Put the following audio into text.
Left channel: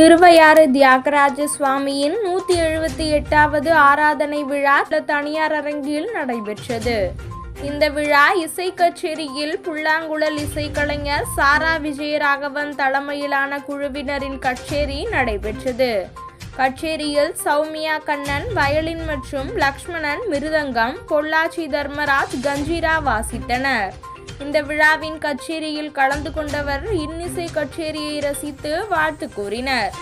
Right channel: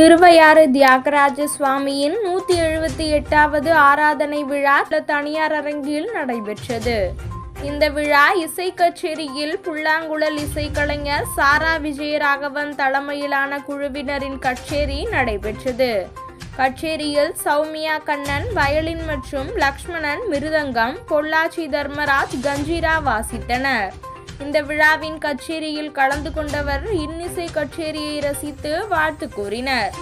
திருவையாறு தியாகராஜ சுவாமியின் 178வது ஆராதனை விழா தனியார் அரங்கில் நடைபெற்றது. இந்த விழா இசை கச்சேரியில் புல்லாங்குழல் இசைக்கலைஞர் சாரா விஜயராகவன் தலைமையிலான குழுவினரின் கச்சேரி நடைபெற்றது. கச்சேரியில் சௌமியா கண்ணன் வயலின் மற்றும் லக்ஷ்மணன் மிருதங்கம், பொள்ளாச்சி தர்மராஜ் கஞ்சிரா வாசித்தனர். இந்த விழாவின் கச்சேரியில் கலந்து கொண்டவர் இன்னிசை கச்சேரியை ரசித்து வாழ்த்து கூறினர்.